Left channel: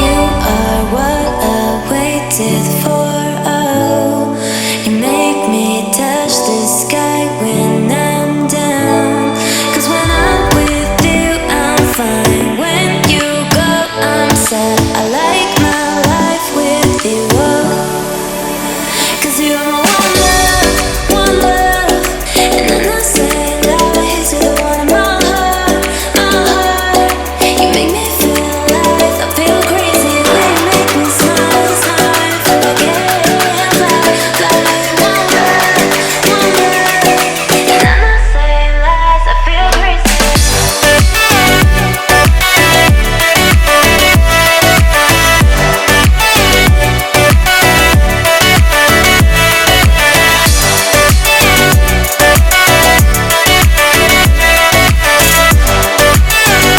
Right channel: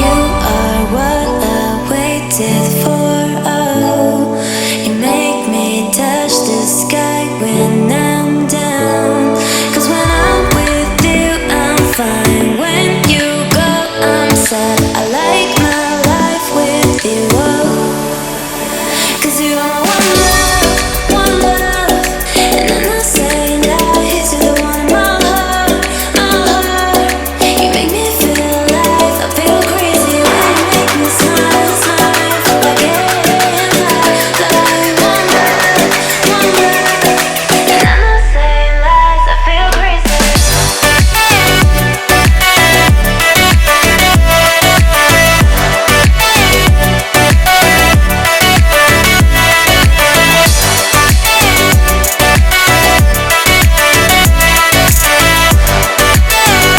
You are what I waited for. Oh, you make me touch the sky when I'm down. 'Cause when I'm with you, I'm fine. When you go, I'm sad. I like my life with you. Oh, 'cause you are my one love, one love. And I'm not saying lies, you're the one in my heart, my heart. You make me feel alive, I feel crazy when you make me smile, smile. Feel like I can fly, fly. One love, one love. And I'm not saying lies, I feel crazy.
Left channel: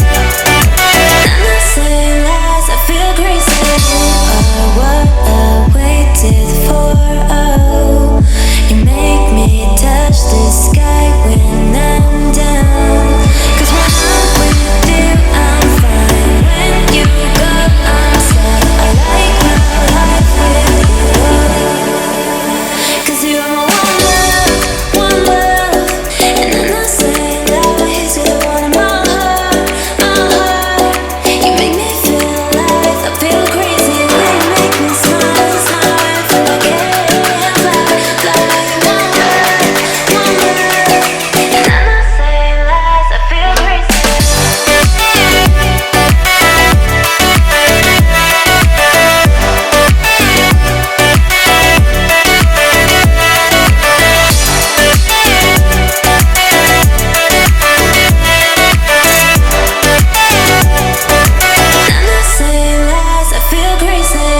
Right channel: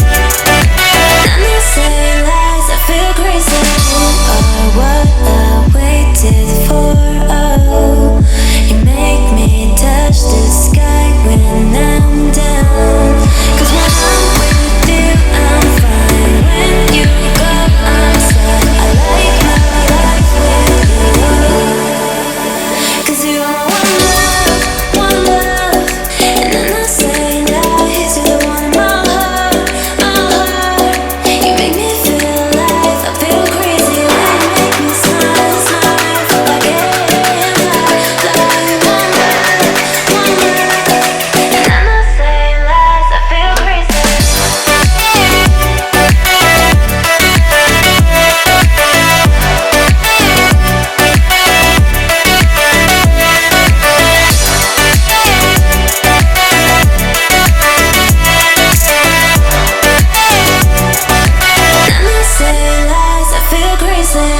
I'm not saying lies, I feel crazy. You are what I waited for. Oh, you make me touch the sky when I'm down. 'Cause when I'm with you, I'm fine. When you go, I'm sad. I like my life with you. Oh, 'cause you are my one love, one love. And I'm not saying lies, you're the one in my heart, my heart. You make me feel alive, I feel crazy when you make me smile, smile. Feel like I can fly, fly. One love, one love. And I'm not saying lies, I feel crazy. I'm not saying lies, I feel crazy.